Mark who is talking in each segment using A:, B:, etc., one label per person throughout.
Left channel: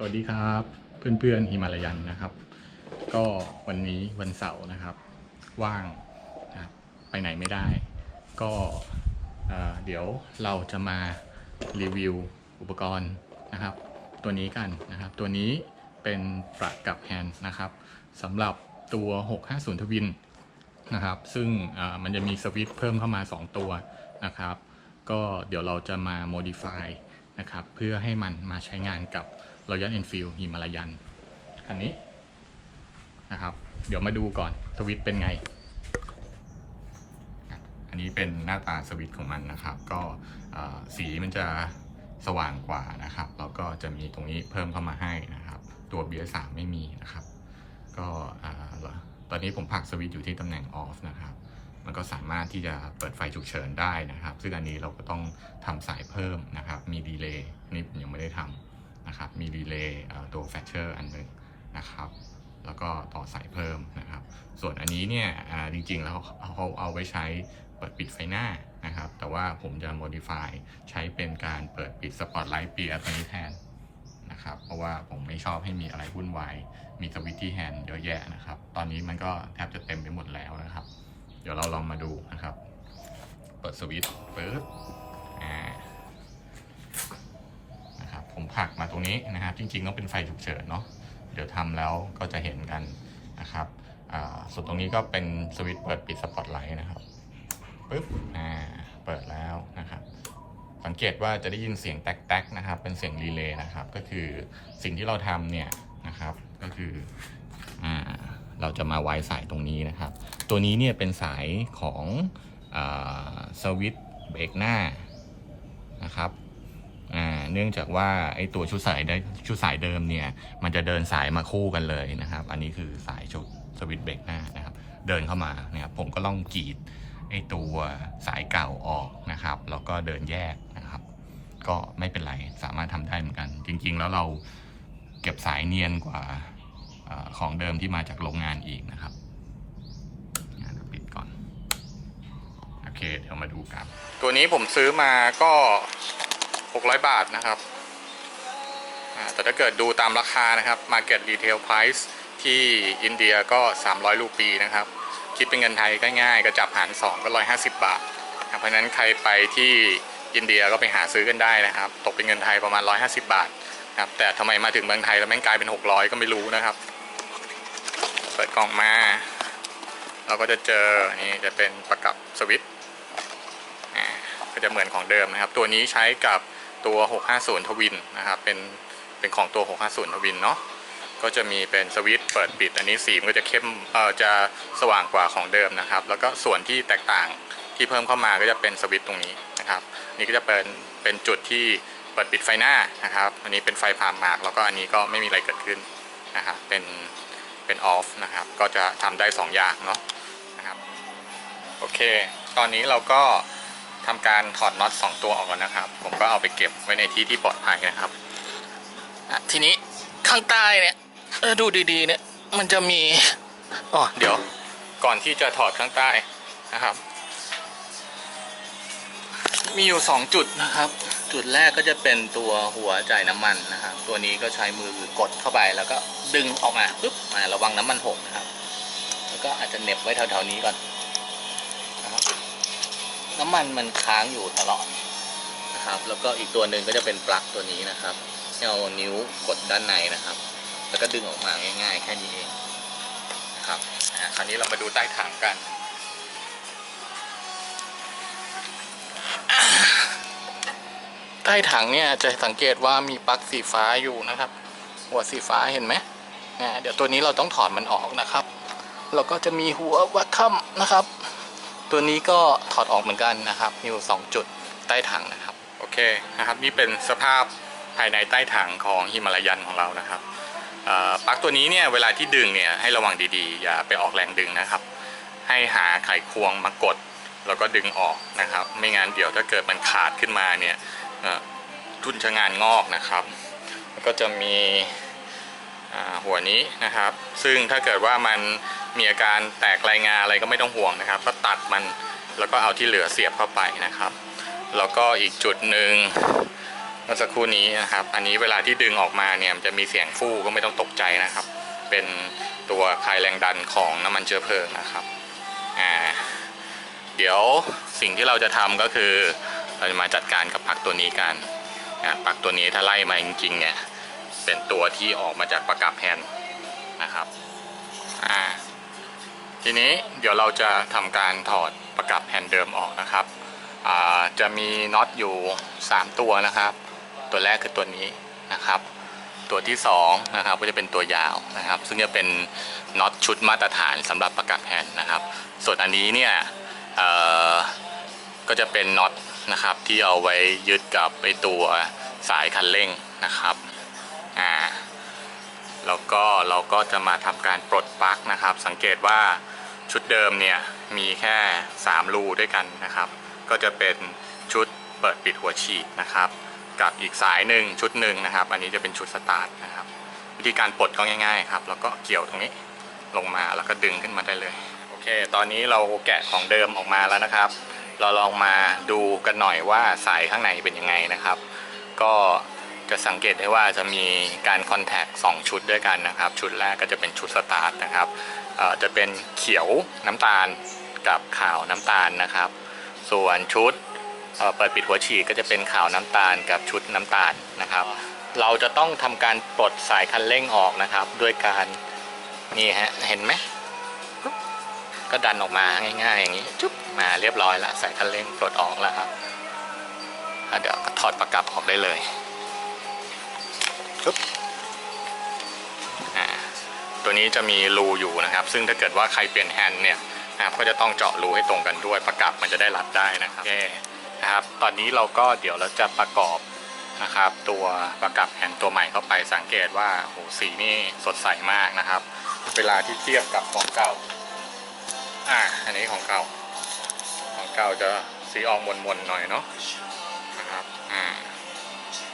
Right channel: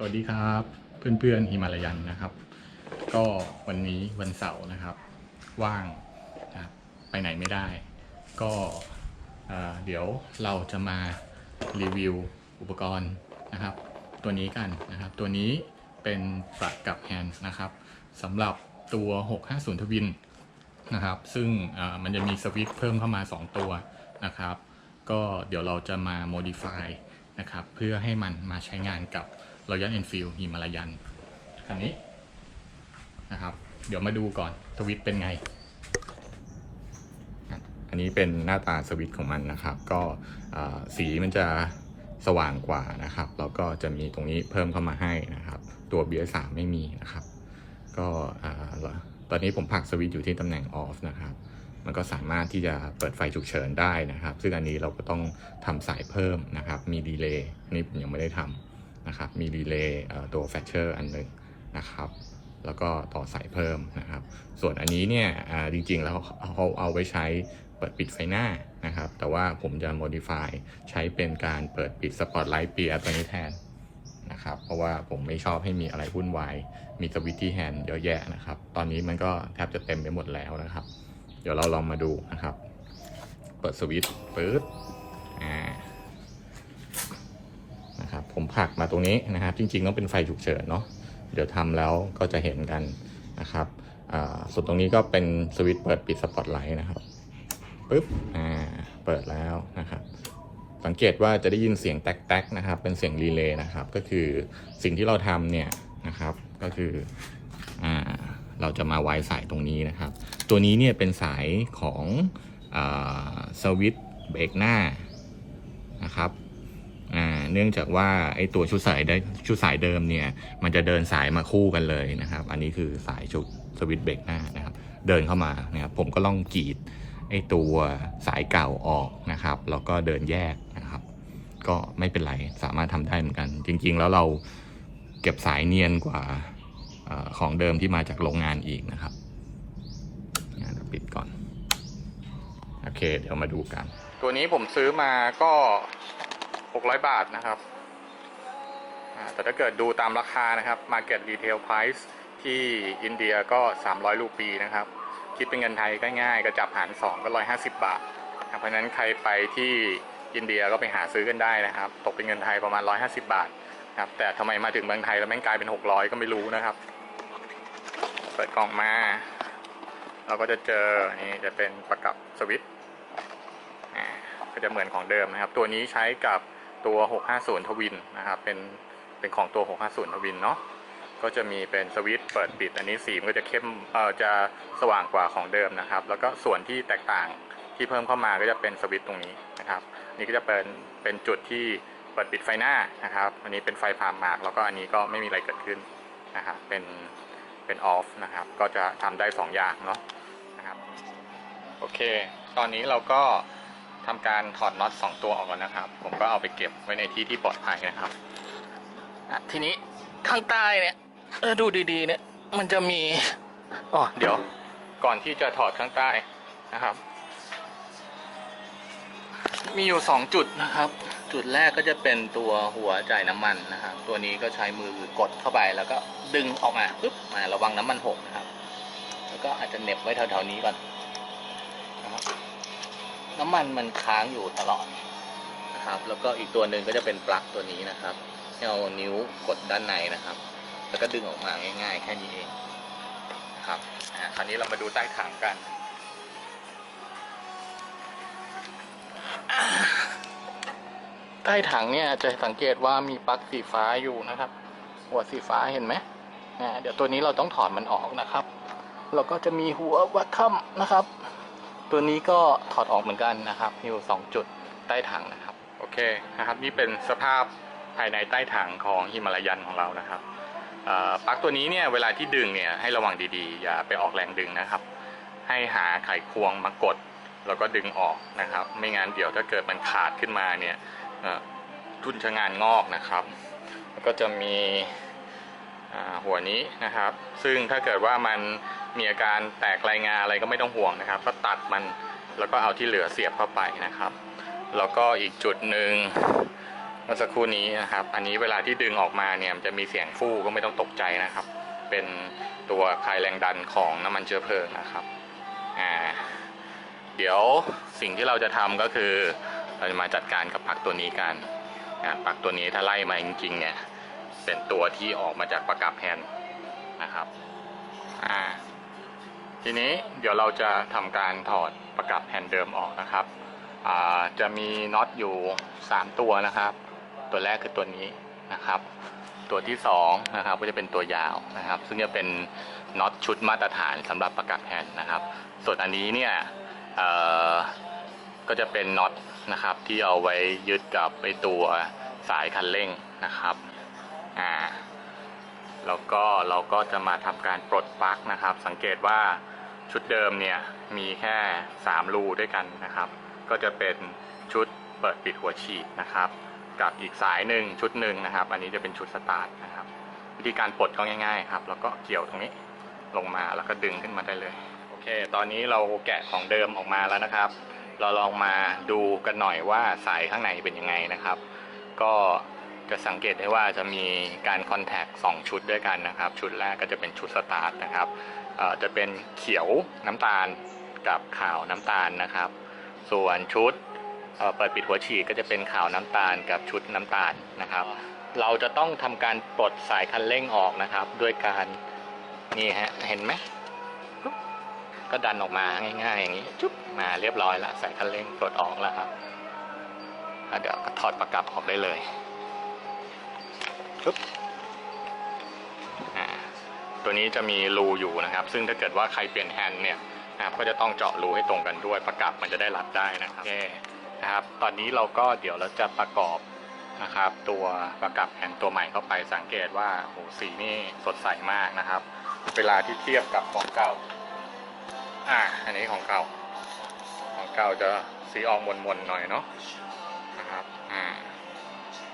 A: สวัสดีครับเพื่อนๆฮิมาลายันนะครับ ก็วันนี้วันเสาร์นะครับ ว่างนะครับไปไหนไม่ได้ ก็เอ่อเดี๋ยวเราจะมารีวิวอุปกรณ์นะครับ ตัวนี้กันนะครับ ตัวนี้เป็นประกับแฮนด์นะครับสำหรับตัว 650 ทวินนะครับ ซึ่งมันจะมีสวิตช์เพิ่มเข้ามา 2 ตัวนะครับ ก็เดี๋ยวเราจะมา modify นะครับ เพื่อให้มันมาใช้งานกับ Royal Enfield ฮิมาลายันคันนี้นะครับ เดี๋ยวมาดูก่อนสวิตเป็นไง อันนี้เป็นหน้าตาสวิตของมันนะครับ ก็สีมันจะสว่างกว่านะครับ แล้วก็จะมีตรงนี้เพิ่มเข้ามาให้นะครับ ตัว BS3 ไม่มีนะครับ ก็ตอนนี้ผมผักสวิตอยู่ที่ตำแหน่ง off นะครับ มันก็สามารถที่จะเปิดไฟฉุกเฉินได้นะครับ ซึ่งอันนี้เราก็ต้องทำสายเพิ่มนะครับ มีดีเลย์นนี้ผมยังไม่ได้ทำ นะครับมีดีเลย์ตัวแฟชเชอร์อันหนึ่งนะครับแล้วก็ต่อสายเพิ่มนะครับ ส่วนอันนี้เนี่ยจริงๆ แล้วเขาเอาไว้ใช้เปิดปิดไฟหน้านะครับ แต่ว่าผมจะ modify ใช้เป็นการเปิดปิดสปอตไลท์เปียร์ตัวนี้แทนนะครับ เพราะว่าผมไม่ชอบให้มีอะไรวุ่นวาย มีสวิตช์ที่แฮนด์เยอะแยะนะครับ ตอนนี้มันก็แทบจะเต็มไปหมดแล้วนะครับ เดี๋ยวเราลองมาดูนะครับ เปิดสวิตช์ปึ๊บอ่า นะครับ ผมผักมาตรงนี้นะครับ จริงๆต้องเป็นไฟฉุกเฉินเนาะเดี๋ยวทำแล้วก็จะเห็นกันนะครับส่วนตรงนี้ก็เป็นสวิตช์เปิดปิดสปอตไลท์นะครับปึ๊บอ่าเปิดแล้วนะครับ สังเกตว่าจะได้ยินเสียงแตกๆนะครับ เป็นเสียงรีเลย์นะครับ ก็คือสิ่งที่เราทำเนี่ยนะครับ ก็คืออ่าเราจะมาไว้สายตรงนี้นะครับ ตัวนี้เนี่ยเป็นสายของอสวิตช์เบรกหน้านะครับ เนื่องจากว่าไอตัวชุดสายได้ชุดสายเดิมเนี่ย มันจะเดินสายมาคู่กันเลยนะครับ อันนี้คือสายชุดสวิตช์เบรกหน้านะครับ เดินเข้ามานะครับ ผมก็ล่องกรีดไอตัวสายเก่าออกนะครับ แล้วก็เดินแยกนะครับ ก็ไม่เป็นไร สามารถทำได้เหมือนกัน จริง ๆ แล้วเราเก็บสายเนียนกว่าอของเดิมที่มาจากโรงงานอีกนะครับงั้นเดี๋ยวปิดก่อน โอเค เดี๋ยวมาดูกัน ตัวนี้ผมซื้อมาก็ 600 บาทนะครับแต่ถ้าเกิดดูตามราคานะครับ Market Retail Price ที่อินเดียก็ 300 รูปีนะครับ คิดเป็นเงินไทยก็ง่ายก็จับหาร 2 ก็ 150 บาทนะครับเพราะนั้นใครไปที่อินเดียก็ไปหาซื้อกันได้นะครับ ตกเป็นเงินไทยประมาณ 150 บาทครับแต่ทำไมมาถึงเมืองไทยแล้วแม่งกลายเป็น 600 ก็ไม่รู้นะครับ เปิดกล่องมา เราก็จะเจอนี่จะเป็นประกับสวิตช์อ่าก็จะเหมือนของเดิมนะครับ ตัวนี้ใช้กับ ตัว 650 ทวินนะครับเป็นเป็นของตัว 650 ทวินเนาะก็จะมีเป็นสวิตช์เปิดปิด อันนี้สีมันก็จะเข้มเอ่อจะสว่างกว่าของเดิมนะครับ แล้วก็ส่วนที่แตกต่างที่เพิ่มเข้ามาก็จะเป็นสวิตช์ตรงนี้นะครับ นี่ก็จะเป็นเป็นจุดที่เปิดปิดไฟหน้านะครับ อันนี้เป็นไฟผ่ามาก แล้วก็อันนี้ก็ไม่มีอะไรเกิดขึ้นนะครับเป็นเป็นออฟนะครับ ก็จะทำได้ 2 อย่างเนาะนะครับ โอเค ตอนนี้เราก็ ทำการถอดน็อต2ตัวออกแล้วนะครับ ผมก็เอาไปเก็บไว้ในที่ที่ปลอดภัยนะครับทีนี้ข้างใต้เนี่ยเออดูดีๆเนี่ยมันจะมีอ๋อเดี๋ยวก่อนที่จะถอดข้างใต้นะครับ มีอยู่ 2 จุดนะครับ จุดแรกก็จะเป็นตัวหัวจ่ายน้ำมันนะครับ ตัวนี้ก็ใช้มือกดเข้าไปแล้วก็ดึงออกมาปุ๊บมาระวังน้ำมันหกนะครับ แล้วก็อาจจะเหน็บไว้แถวๆนี้ก่อน น้ำมันมันค้างอยู่ตลอดนะครับ แล้วก็อีกตัวหนึ่งก็จะเป็นปลั๊กตัวนี้นะครับเอานิ้วกดด้านในนะครับ แล้วก็ดึงออกมาง่าย ๆ แค่นี้เองนะครับอ่าคราวนี้เรามาดูใต้ถังกัน ใต้ถังเนี่ยจะสังเกตว่ามีปลั๊กสีฟ้าอยู่นะครับ หัวสีฟ้าเห็นไหมอ่าเดี๋ยวตัวนี้เราต้องถอดมันออกนะครับ แล้วก็จะมีหัววัดค่ำนะครับ ตัวนี้ก็ถอดออกเหมือนกันนะครับ มีอยู่สองจุดใต้ถังนะครับ โอเคนะครับนี่เป็นสภาพภายในใต้ถังของฮิมาลายันของเรานะครับปลั๊กตัวนี้เนี่ยเวลาที่ดึงเนี่ยให้ระวังดีๆ อย่าไปออกแรงดึงนะครับ ให้หาไขควงมากด แล้วก็ดึงออกนะครับ ไม่งั้นเดี๋ยวถ้าเกิดมันขาดขึ้นมาเนี่ยเอ่อทุนชะงานงอกนะครับ แล้วก็จะมีหัวนี้นะครับ ซึ่งถ้าเกิดว่ามัน มีอาการแตกรายงานอะไรก็ไม่ต้องห่วงนะครับ ก็ตัดมันแล้วก็เอาที่เหลือเสียบเข้าไปนะครับ แล้วก็อีกจุดหนึ่งเมื่อสักครู่นี้นะครับ อันนี้เวลาที่ดึงออกมาเนี่ยจะมีเสียงฟู่ก็ไม่ต้องตกใจนะครับ เป็นตัวคลายแรงดันของน้ำมันเชื้อเพลิงนะครับอ่าเดี๋ยวสิ่งที่เราจะทำก็คือ เราจะมาจัดการกับปลั๊กตัวนี้กันอ่าปลั๊กตัวนี้ถ้าไล่มาจริงๆเนี่ยเป็นตัวที่ออกมาจากประกับแฮนนะครับอ่า ทีนี้เดี๋ยวเราจะทำการถอดประกับแฮนด์เดิมออกนะครับ จะมีน็อตอยู่ 3 ตัวนะครับ ตัวแรกคือตัวนี้นะครับ ตัวที่2นะครับก็จะเป็นตัวยาวนะครับ ซึ่งจะเป็นน็อตชุดมาตรฐานสำหรับประกับแฮนด์นะครับ ส่วนอันนี้เนี่ยก็จะเป็นน็อตนะครับที่เอาไว้ยึดกับไอตัวสายคันเร่งนะครับอ่าแล้วก็เราก็จะมาทำการปลดปลั๊กนะครับ สังเกตว่า ชุดเดิมเนี่ยมีแค่ 3 รูด้วยกันนะครับ ก็จะเป็นชุดเปิดปิดหัวฉีดนะครับ กับอีกสายหนึ่งชุดหนึ่งนะครับ อันนี้จะเป็นชุดสตาร์ทนะครับ วิธีการปลดก็ง่ายๆครับ แล้วก็เกี่ยวตรงนี้ลงมาแล้วก็ดึงขึ้นมาได้เลยโอเค ตอนนี้เราแกะของเดิมออกมาแล้วนะครับ เราลองมาดูกันหน่อยว่าสายข้างในเป็นยังไงนะครับ ก็จะสังเกตได้ว่าจะมีการคอนแทค2ชุดด้วยกันนะครับ ชุดแรกก็จะเป็นชุดสตาร์ทนะครับ จะเป็นเขียวน้ำตาลกับขาวน้ำตาลนะครับ ส่วนชุดเอ่อเปิดปิดหัวฉีดก็จะเป็นขาวน้ำตาลกับชุดน้ำตาลนะครับ เราจะต้องทำการปลดสายคันเร่งออกนะครับ ด้วยการนี่ฮะเห็นไหมปุ๊บก็ดันออกมาง่ายๆอย่างนี้จุ๊บมาเรียบร้อยแล้วสายคันเร่งปลดออกแล้วครับแล้วเดี๋ยวก็ถอดประกับออกได้เลยปุ๊บอ่า ตัวนี้จะมีรูอยู่นะครับ ซึ่งถ้าเกิดว่าใครเปลี่ยนแฮนด์เนี่ยนะครับก็จะต้องเจาะรูให้ตรงกันด้วยประกับมันจะได้รัดได้นะครับโอเคนะครับ ตอนนี้เราก็เดี๋ยวเราจะประกอบนะครับตัวประกับแผ่นตัวใหม่เข้าไปสังเกตว่าโหสีนี่สดใสมากนะครับ เวลาที่เทียบกับของเก่าอ่าอันนี้ของเก่า ของเก่าจะสีออกมนๆหน่อยเนาะนะครับอ่า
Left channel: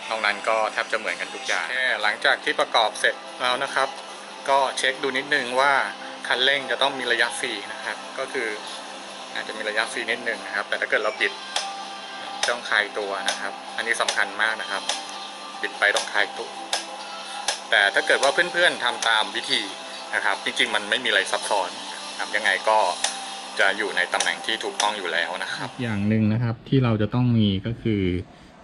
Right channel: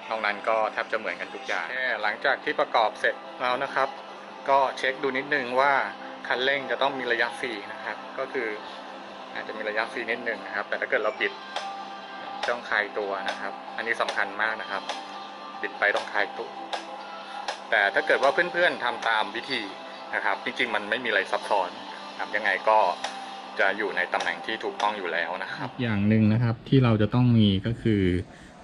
A: นอกนั้นก็แทบจะเหมือนกันทุกอย่างแค่หลังจากที่ประกอบเสร็จแล้วนะครับ ก็เช็คดูนิดนึงว่าคันเร่งจะต้องมีระยะฟรีนะครับ ก็คืออาจจะมีระยะฟรีนิดนึงนะครับ แต่ถ้าเกิดเราบิดต้องคลายตัวนะครับ อันนี้สำคัญมากนะครับ บิดไปต้องคลายตัว แต่ถ้าเกิดว่าเพื่อนๆทำตามวิธีนะครับ จริงๆมันไม่มีอะไรซับซ้อนครับยังไงก็จะอยู่ในตำแหน่งที่ถูกต้องอยู่แล้วนะครับ อย่างหนึ่งนะครับที่เราจะต้องมีก็คือ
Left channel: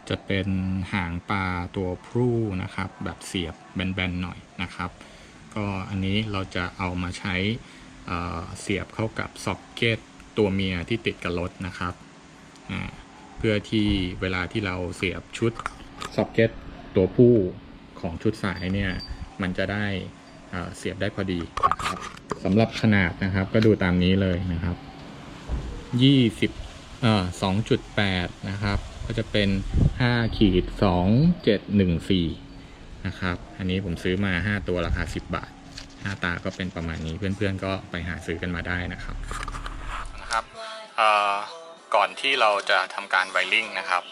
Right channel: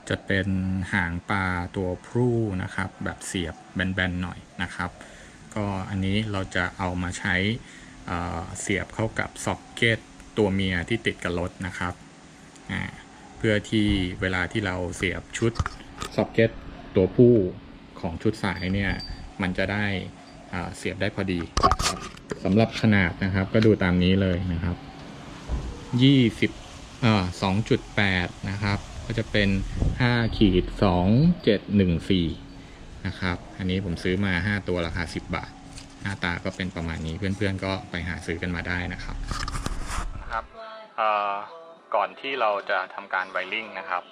A: จะเป็นหางปลาตัวพรูนะครับ แบบเสียบแบนๆหน่อยนะครับ ก็อันนี้เราจะเอามาใช้เเสียบเข้ากับซ็อกเก็ตตัวเมียที่ติดกับรถนะครับ เพื่อที่เวลาที่เราเสียบชุดซ็อกเก็ตตัวผู้ของชุดสายเนี่ย มันจะได้เสียบได้พอดีนะครับสำหรับขนาดนะครับก็ดูตามนี้เลยนะครับ20เอ่อ2.8นะครับ ก็จะเป็น5ขีด2714นะครับ อันนี้ผมซื้อมา 5 ตัวราคา 10 บาทหน้าตาก็เป็นประมาณนี้เพื่อนๆก็ไปหาซื้อกันมาได้นะครับนะครับเอ่อก่อนที่เราจะทำการไวริ่งนะครับ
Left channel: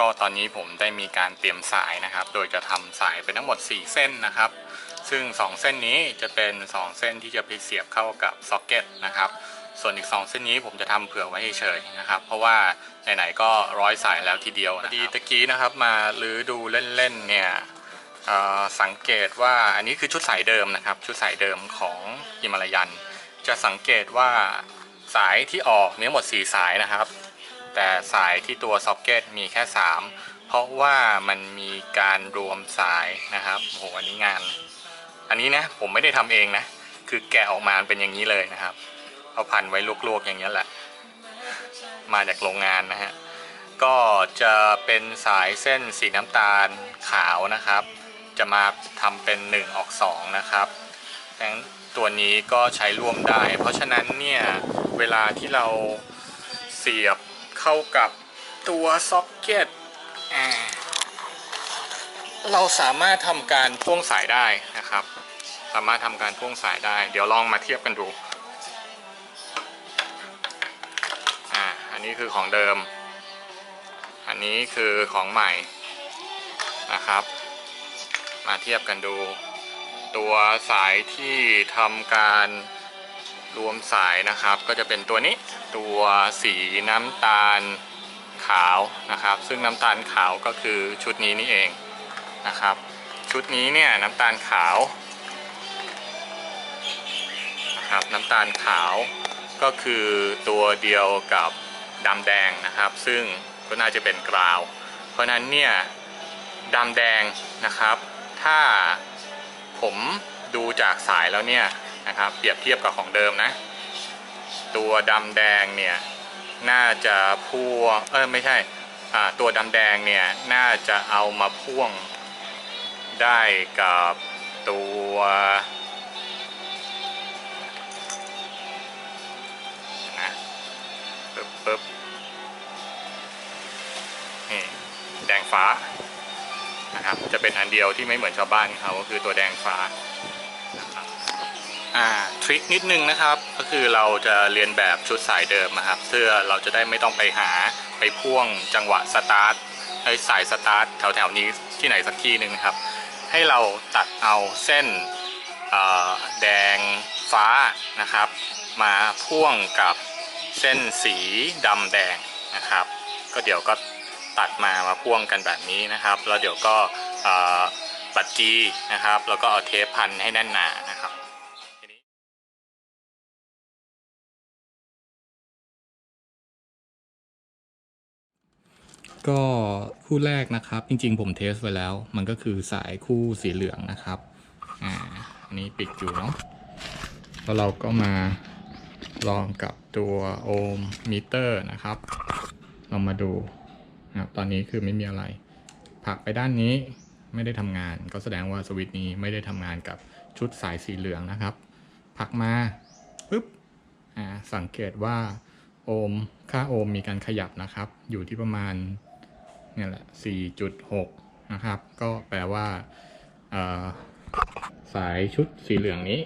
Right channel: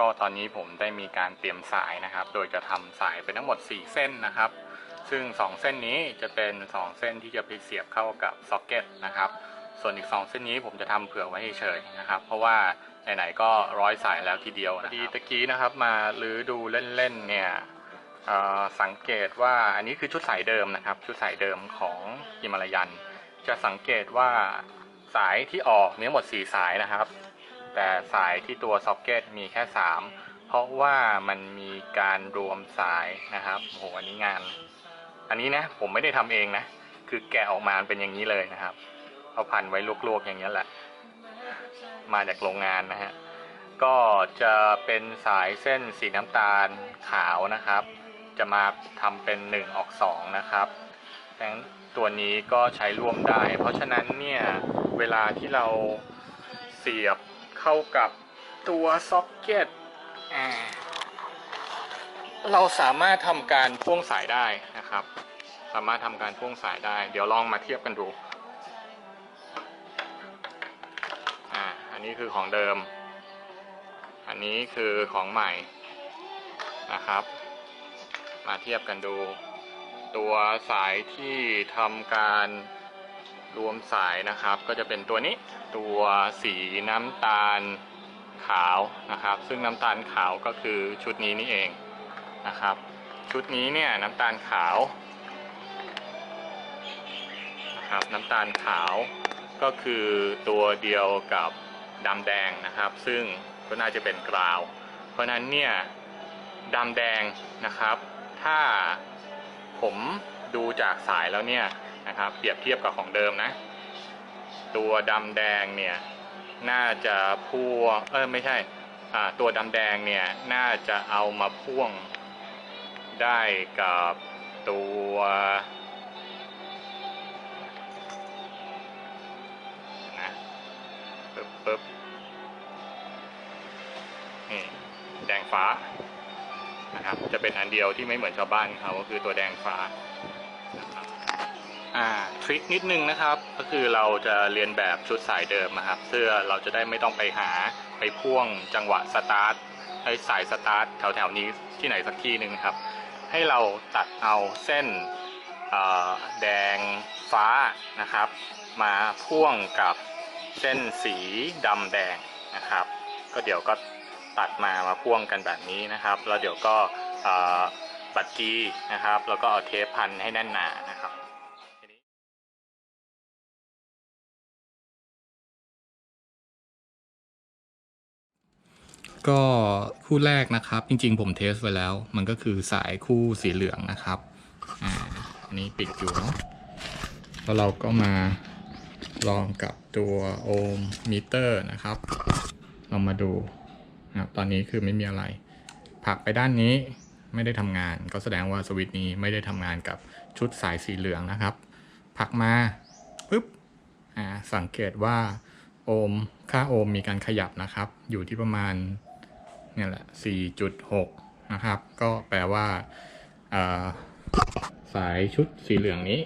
A: ก็ตอนนี้ผมได้มีการเตรียมสายนะครับ โดยจะทำสายเป็นทั้งหมด 4 เส้นนะครับ ซึ่ง 2 เส้นนี้จะเป็น 2 เส้นที่จะไปเสียบเข้ากับซ็อกเก็ตนะครับส่วนอีก 2 เส้นนี้ผมจะทำเผื่อไว้เฉยๆนะครับ เพราะว่าไหนๆก็ร้อยสายแล้วทีเดียวนะครับดีตะกี้นะครับ มาหรือดูเล่นๆเนี่ยเอ่อ สังเกตว่าอันนี้คือชุดสายเดิมนะครับ ชุดสายเดิมของฮิมาลายัน จะสังเกตว่าสายที่ออกมีทั้งหมด 4 สายนะครับ แต่สายที่ตัวซ็อกเก็ตมีแค่ 3 เพราะว่ามันมีการรวมสายนะครับโหอันนี้งาน อันนี้นะผมไม่ได้ทำเองนะ คือแกะออกมาเป็นอย่างนี้เลยนะครับ เอาพันไว้ลวกๆอย่างนี้แหละ มาจากโรงงานนะฮะก็จะเป็นสายเส้นสีน้ำตาลขาวนะครับ จะมาทำเป็น 1 ออก 2 นะครับดังนั้นตัวนี้ก็ใช้ร่วมได้ เพราะฉะนั้นเนี่ยเวลาที่เราเสียบเข้ากับตัวซ็อกเก็ตเราสามารถทำการพ่วงสายได้นะครับ สามารถทำการพ่วงสายได้ เดี๋ยวลองมาเทียบกันดูอ่าอันนี้คือของเดิม อันนี้คือของใหม่นะครับ มาเทียบกันดู ตัวสายที่ทำการรวมสายนะครับ ก็จะเป็นตัวนี้ตัวสีน้ำตาลขาวนะครับ ซึ่งน้ำตาลขาวก็คือชุดนี้นี่เองนะครับ ชุดนี้เนี่ยน้ำตาลขาวนะครับน้ำตาลขาวก็คือตัวเดียวกับดำแดงนะครับ ซึ่งก็น่าจะเป็นกราว เพราะนั้นเนี่ยดำแดงนะครับ ถ้าผมดูจากสายแล้วเนี่ยนะครับ เปรียบเทียบกับของเดิมนะ ตัวดำแดงเนี่ย น่าจะพ่วงเออไม่ใช่ตัวดำแดงเนี่ย น่าจะเอามาพ่วงได้กับตัวอะปึ๊บปึ๊บนี่แดงฟ้า นะครับ จะเป็นอันเดียวที่ไม่เหมือนชาวบ้านเขาก็คือตัวแดงฟ้าอ่าทริคนิดนึงนะครับ ก็คือเราจะเรียนแบบชุดสายเดิมนะครับเพื่อเราจะได้ไม่ต้องไปหาไปพ่วงจังหวะสตาร์ทไอ้สายสตาร์ทแถวๆนี้ที่ไหนสักที่หนึ่งครับ ให้เราตัดเอาเส้นแดงฟ้านะครับ มาพ่วงกับเส้นสีดำแดงนะครับ ก็เดี๋ยวก็ ตัดมามาพ่วงกันแบบนี้นะครับ แล้วเดี๋ยวก็บัดจีนะครับ แล้วก็เอาเทปพันให้แน่นหนานะครับก็คู่แรกนะครับ จริงๆ ผมเทสไว้แล้ว มันก็คือสายคู่สีเหลืองนะครับอ่าอันนี้ปิดอยู่เนาะแล้วเราก็มาลองกับตัวโอห์มมิเตอร์นะครับ เรามาดู นะตอนนี้คือไม่มีอะไรผลักไปด้านนี้ไม่ได้ทำงาน ก็แสดงว่าสวิตช์นี้ไม่ได้ทำงานกับชุดสายสีเหลืองนะครับผลักมาปุ๊บอ่าสังเกตว่าโอห์มค่าโอห์มมีการขยับนะครับ อยู่ที่ประมาณเนี่ยแหละ 4.6 นะครับ ก็แปลว่าาสายชุดสีเหลืองนี้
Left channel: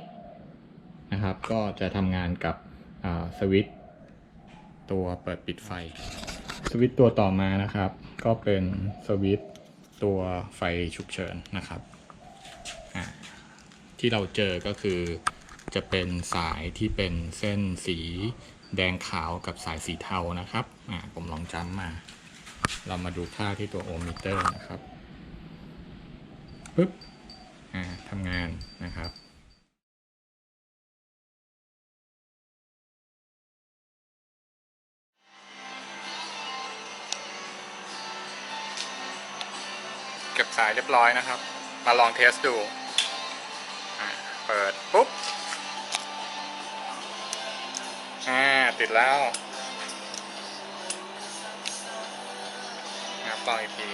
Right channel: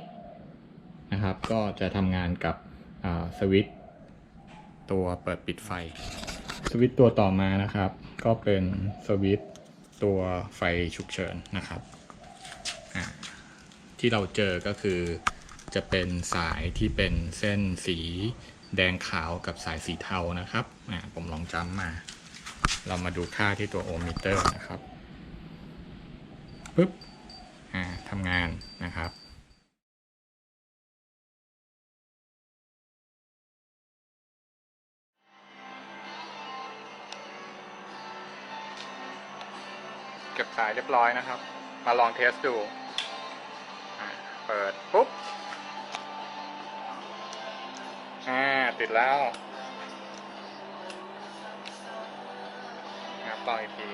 A: นะครับ ก็จะทำงานกับสวิตช์ตัวเปิดปิดไฟ สวิตตัวต่อมานะครับ ก็เป็นสวิตตัวไฟฉุกเฉินนะครับ ที่เราเจอก็คือจะเป็นสายที่เป็นเส้นสีแดงขาวกับสายสีเทานะครับผมลองจำมา เรามาดูค่าที่ตัวโอห์มมิเตอร์นะครับปึ๊บทำงานนะครับ เก็บสายเรียบร้อยนะครับ มาลองเทสดู เปิด ปุ๊บอ่าติดแล้วนะครับลองอีกที